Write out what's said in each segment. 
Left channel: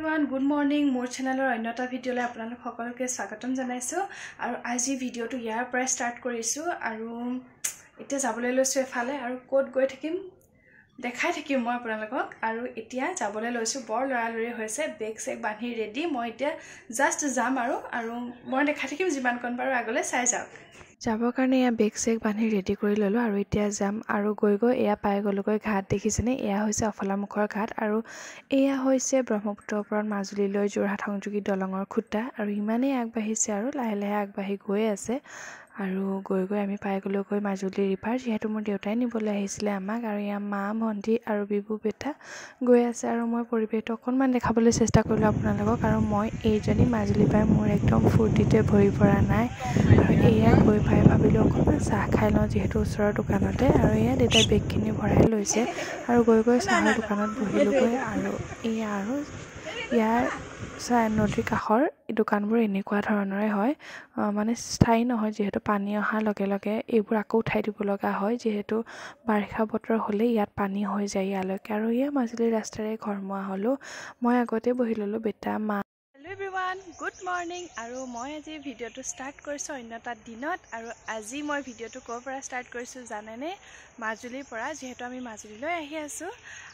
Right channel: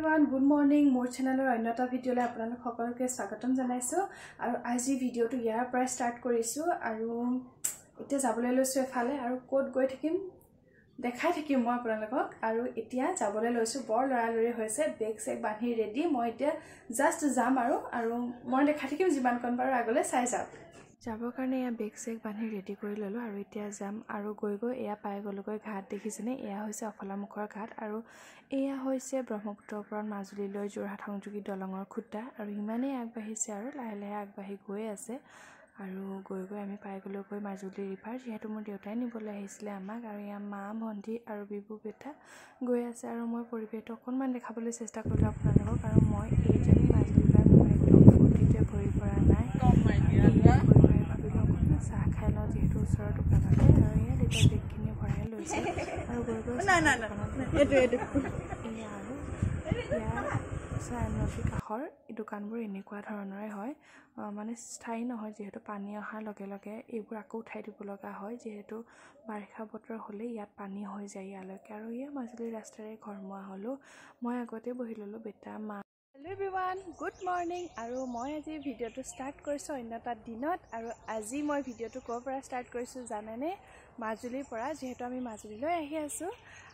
Everyone good morning মোৰ চেনেলৰ অন্যটা ভিডিঅ'লৈ আপোনালোক সকলোকে স্বাগতম জনাইছোঁ আৰু আজি ভিডিঅ'টো ইয়াৰ পৰা ষ্টাৰ্ট কৰিছোঁ আৰু এতিয়া যাবলৈ লৈছোঁ এফালে আৰু ক'ত গৈ থাকিম দেখাই থাকিম মই আপোনালোকক আৰু এতিয়া যাবলৈ লৈছোঁ বৰ লৰালৰি হৈছে বেগ চেগ বান্ধি ৰেডি মই এতিয়া জাষ্ট যাম আৰু মই দেখাই থাকিম যিমানকণ পাৰোঁ আগলৈ চাই যাওক যাবৰ কাৰণে এয়া বেগ চেগ বান্ধি ৰেডি কৰি ল'লোঁ আৰু এতিয়া যাম আৰু গৈ এয়া পাই গ'লোগৈ ঘাট দেখিছেনে এয়া হৈছে অফলামুখৰ ঘাট আৰু এয়া হৈছে ব্ৰহ্মপুত্ৰৰ ওপৰত মাজুলীলৈ যোৰহাট সংযোগী দলঙৰ খুঁটা আৰু ইমানেই আগবাঢ়িছে আৰু লাহে লাহে আগবাঢ়ি গৈ আছে আৰু গৈ আমি পাই গ'লোগৈ মাজুলী ৰিভাৰ যিহেতু মোৰ দেউতাই নিবলৈ আহিছিলে আমাক আৰু এয়া মা ভণ্টি আৰু বিবু বেটা গৈ আছে আৰু মই পৰিৱেশটো অকণমান দেখাবলৈ চেষ্টা কৰিলোঁ আপোনালোকক আৰু মই এইজনী মাজুলী পাই মোৰ একদম ফূৰ্তিতে ভৰি পৰা নাই আৰু এয়া গৈ পাই ভাবিলোঁ অকণমান চাহ খাই লওঁ যিহেতু ওচৰৰ দোকানতে আৰু এয়া দেউতাই বেগখিনি ভৰাই লৈছে আৰু গৈ চাহৰ দোকানত বহিলোগৈ আৰু এয়া আৰু ইয়াৰ নদীৰ কাষৰ দোকানবোৰ এনেকুৱা ধৰণৰে হয় মানে স্থায়ী নহয় যিহেতু পানী অহাৰ লগে লগে এইবোৰ আকৌ উঠাই দিব লগা হয় যিহেতু বাৰিষা বতৰ হ'লে ইয়াত পানী হৈ যায় ইয়ালৈকে আৰু এয়া মাজুলীৰ ৰাস্তাৰে ঘৰমুৱা হ'লোঁ মই আগতে বহি ল'লোঁ বেটা মা হেল্ল' এভৰিৱান গুড মৰ্নিং আৰু মই আজি ভিডিঅ'টো ষ্টাৰ্ট কৰিছোঁ অন্য এটা দিনত আৰু আজি মই ভিডিঅ'টো ক'ৰ পৰা ষ্টাৰ্ট কৰিছোঁ জানেনে মাজুলীৰ পৰা যিহেতু আমি মাজুলীলৈ আহি আছোঁ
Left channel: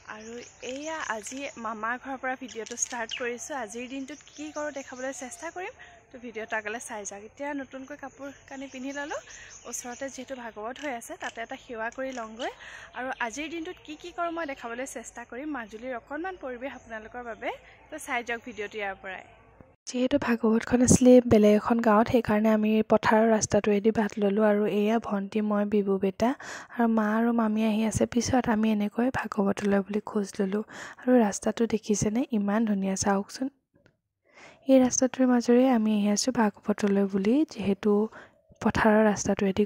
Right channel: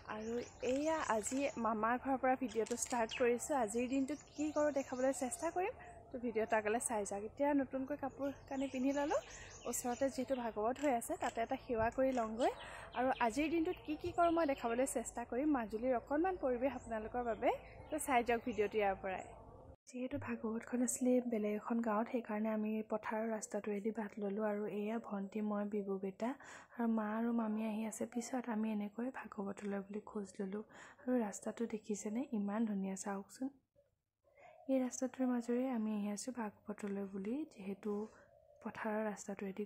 আৰু এয়া আজি মামাৰ ঘৰৰ পৰা ভিডিঅ'টো ষ্টাৰ্ট কৰিছোঁ আজিৰ দিনটোত কি কৰোঁ দেখাবলৈ চেষ্টা কৰিম তো ভিডিঅ'টো আগলৈ চাই যাওক এতিয়া নতুনকৈ কাপোৰ কানি পিন্ধি ল'লোঁ ওচৰতে যিহেতু ভাগৱত হৈ আছে তাতে এটা সেৱা কৰি লওঁগৈ আৰু আজিৰ দিনটোত কি কৰোঁ মই দেখাবলৈ চেষ্টা কৰিম মাজুলীৰ অকণমান পৰিৱেশ আপোনালোকৰ বাবে তো চাই যাওক ভিডিঅ'টো ইয়াৰ পৰাই যিহেতু ভাগৱতখন আছিলে বেলেগ এখন গাঁৱত সেইকাৰণে আমি পথাৰৰ ৰাস্তাটোৱেদি বাট ল'লোঁ আৰু এয়া ভণ্টি মই বিবু বেটা আৰু মা আৰু মামী আহি আছে পিছত আমি এনেকৈ ভাগৱতলৈ বুলি খোজ ল'লোঁ আৰু ৰাস্তাটো দেখিছেনে ইমান ধুনীয়া চাওকচোন এই ৰাস্তাটোৰ মাজেৰে আমি আহি আছোঁ ভাগৱতলৈ বুলি যিহেতু পথাৰৰ ৰাস্তাটোৱেদি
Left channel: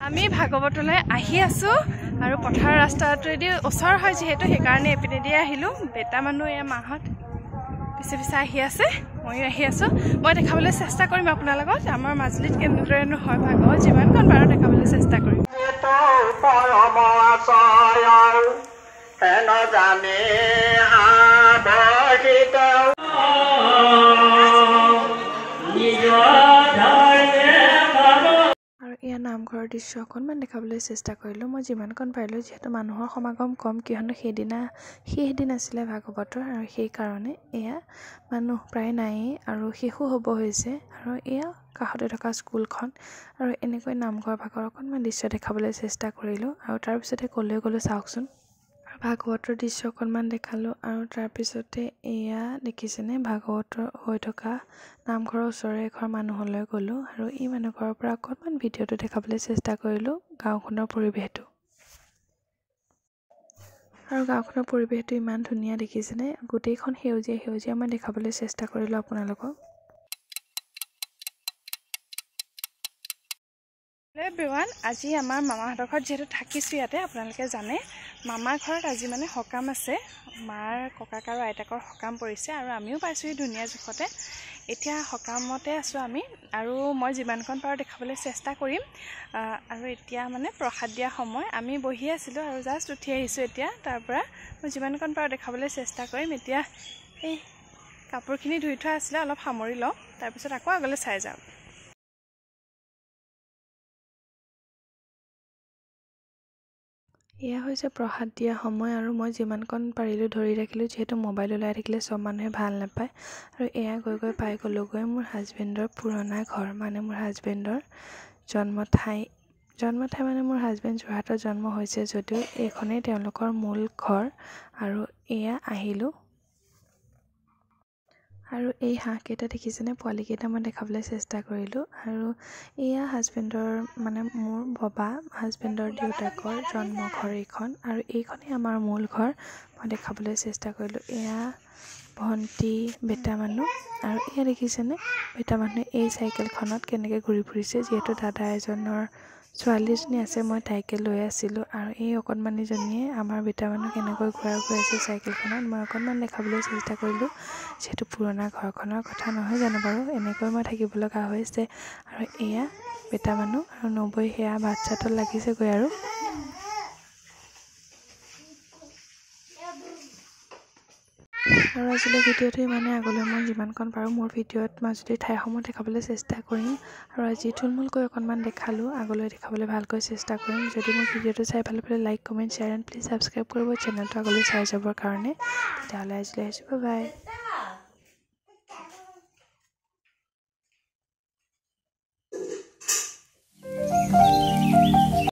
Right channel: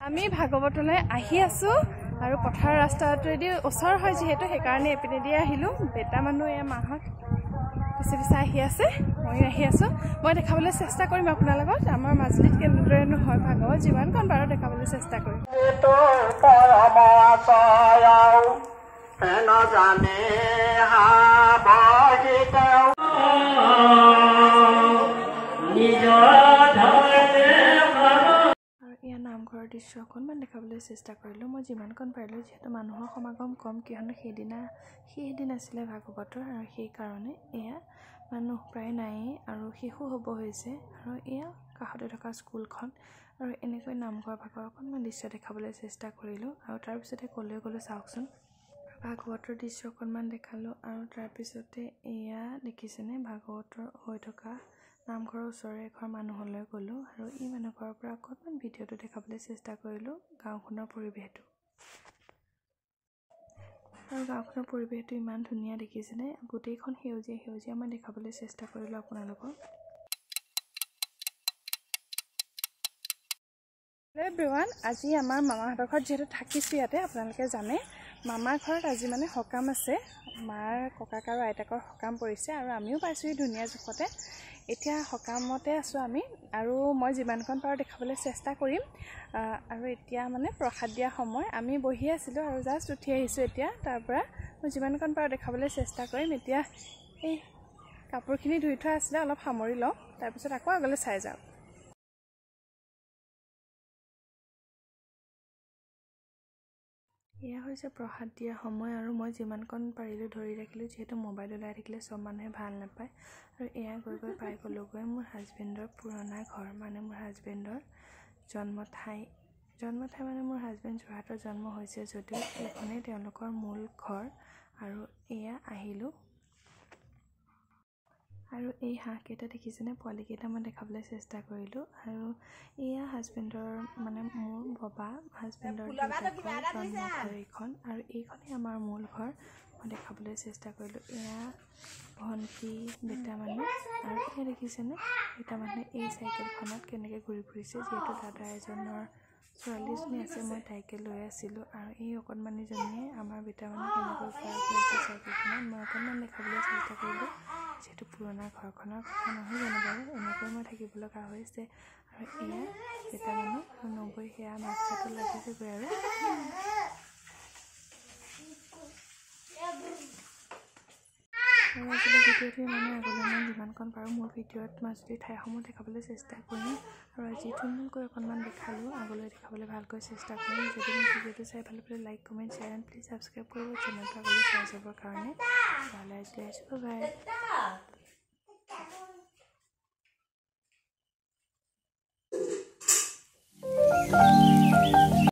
আমি ভাগৱতলৈ আহি আছোঁ আৰু পথাৰৰ ৰাস্তাটোৱেদি ওচৰ হয় যিহেতু সেইকাৰণে এপিনেদি আহিলোঁ বেটা মানুহ এয়া মাহঁত পিছে আহি আছে ময়ো আহি আছোঁ মই দেখাবলৈ চেষ্টা কৰিম আপোনালোকক আমাৰ মাজুলীত কেনেদৰেনো হয় ভাগৱত যিমানকণ পাৰোঁ দেখাবলৈ চেষ্টা কৰিম এয়া নামঘৰৰ দৃশ্য অকণমান দেখাবলৈ চেষ্টা কৰিলোঁ মই যিমানকণ পাৰিলোঁ যিহেতু মানুহৰ সমাগম কম কিয়নো সেইদিন আছিলে ভাগৱতৰ আৰু সেইকাৰণে এয়া মানুহ প্ৰায় নায়েই আৰু শেষো হ'ব হৈছে আৰু এয়া কাষতে থকা স্কুলখন আৰু এনেকৈ নামঘৰ ভাগৰ অকণমান দৃশ্য দেখাবলৈ চেষ্টা কৰিলোঁ আৰু তাৰপিছতে গ'লোঁ চাওকচোন ভাগৱতৰ দৃশ্য অকণমান দেখালোঁ আৰু তাৰপিছতে এয়া দেখিছেনে ভাগৱতৰ হৈ থকা নামঘৰৰ ওচৰৰে এঘৰ মানুহলৈ গ'লোঁ আৰু এই মানুহঘৰৰ পৰা অকণমান ভিডিঅ'টো দেখাবলৈ চেষ্টা কৰিলোঁ গাঁওখনৰ পৰিৱেশটো আৰু গাঁওখনৰ পৰিৱেশটো ইমান ধুনীয়া দেখিছেনে গোটেইখন সেউজীয়া মই দেখাবলৈ চেষ্টা কৰিলোঁ আপোনালোকক হেল্ল' এভৰিৱান আজি আমাৰ মামাহঁতৰ ঘৰত যিহেতু থাকিছোঁ ইয়াতে আপোনালোকে জানে মামাৰ ঘৰত আজি মানে সকাম আছে মাৰ ককাক আৰু আইতাকৰ সকাম পৰিছে আৰু আমিও পাইছোঁহি ধুনীয়া জোখতে এতিয়া সকামতে আছোঁ আমি আৰু মই যিমানকণ পাৰোঁ দেখাবলৈ চেষ্টা কৰিম আৰু এতিয়া মানে প্ৰসাদ দিয়া সময় আমি বহি আছিলোঁ আৰু জাষ্ট উঠি আহিছোঁ এতিয়া তাৰ পৰা মই যিমানকণ পাৰোঁ দেখাবলৈ চেষ্টা কৰিম এতিয়া এই কাপোৰখিনি ধুই থোৱা আছিলে অলপ সামৰি লওঁ তাৰপিছত আকৌ আগলৈ চাই যাওঁ এয়া হৈছে প্ৰসাদ দিয়া সময় আৰু মই যিমানকণ পাৰিলোঁ ধৰি ৰাখিলোঁ যিহেতু মোবাইল ওলাই থাকিলে চব মানুহে ভাল নাপায় আৰু এয়া গৈ পাই গ'লোগৈ মোৰ হাজবেণ্ডৰ পুৰণা ঘৰ মানে মোৰ হাজবেণ্ডৰ জন্ম ঠাই মানে মোৰ হাজবেণ্ড যোৰহাটত জন্ম হৈছে যদিও এইখনেই তেওঁলোকৰ মূল ঘৰ আৰু এয়া আহিলোঁ আৰু এই হাঁহকেইটা দেখিছেনে পোৱালিকেইটা মই দেখাবলৈ চেষ্টা কৰিলোঁ আৰু এয়া হাজবেণ্ডৰ মানে মোৰ ববা হাজবেণ্ডৰ দেউতাকৰ জন্মঘৰ এইখন আৰু এইখনেই আমাৰ মূল ঘৰ মই দেখাবলৈ চেষ্টা কৰিলোঁ এয়া ভণ্টি বেটা মানুহ আৰু এয়া দেখিছেনে বেটা মানুহে এই চাইকেলখনত কেনেকৈ ঘূৰি ফুৰিছে যিহেতু দাদা এজনৰ ছোৱালী এজনী আছে মই তাইকে লৈ আছিলোঁ আৰু এই অকণমানিজনীয়ে আমাৰ বেটা মানুহ কেনেকৈ ঘূৰাই আছে চাইকেলখনত মই অকণমান দেখাবলৈ চেষ্টা কৰিলোঁ যিহেতু পুৰণা ঘৰখনৰ কথা নহয় জানো বাৰু এনেকৈ মই থাকিব লগা হৈছে আৰু এয়া বেটা মানুহ আৰু নবৈ সেয়া বাচ্ছাটোত লাগিছেগৈ আৰু আৰু আজিলৈ ভিডিঅ'টো ইমানে। আগলৈ মই যিমানকণ পাৰোঁ মোৰ ভিডিঅ'ত মাজুলীৰ ঠাইসমূহ দেখাবলৈ চেষ্টা কৰিম। আৰু আজি থুলমূলকৈ অকণমান দেখালোঁ, আগলৈ দেখাবলৈ ভালকৈ চেষ্টা কৰিম। যদি মোৰ ভিডিঅ'টো চাই ভাল পালে like, comment, share and please subscribe কৰিব চেনেলটো আগলৈ চাই যাবৰ কাৰণে। তেতিয়াহ'লে আজিলৈ আহিছোঁ, বাই বাই।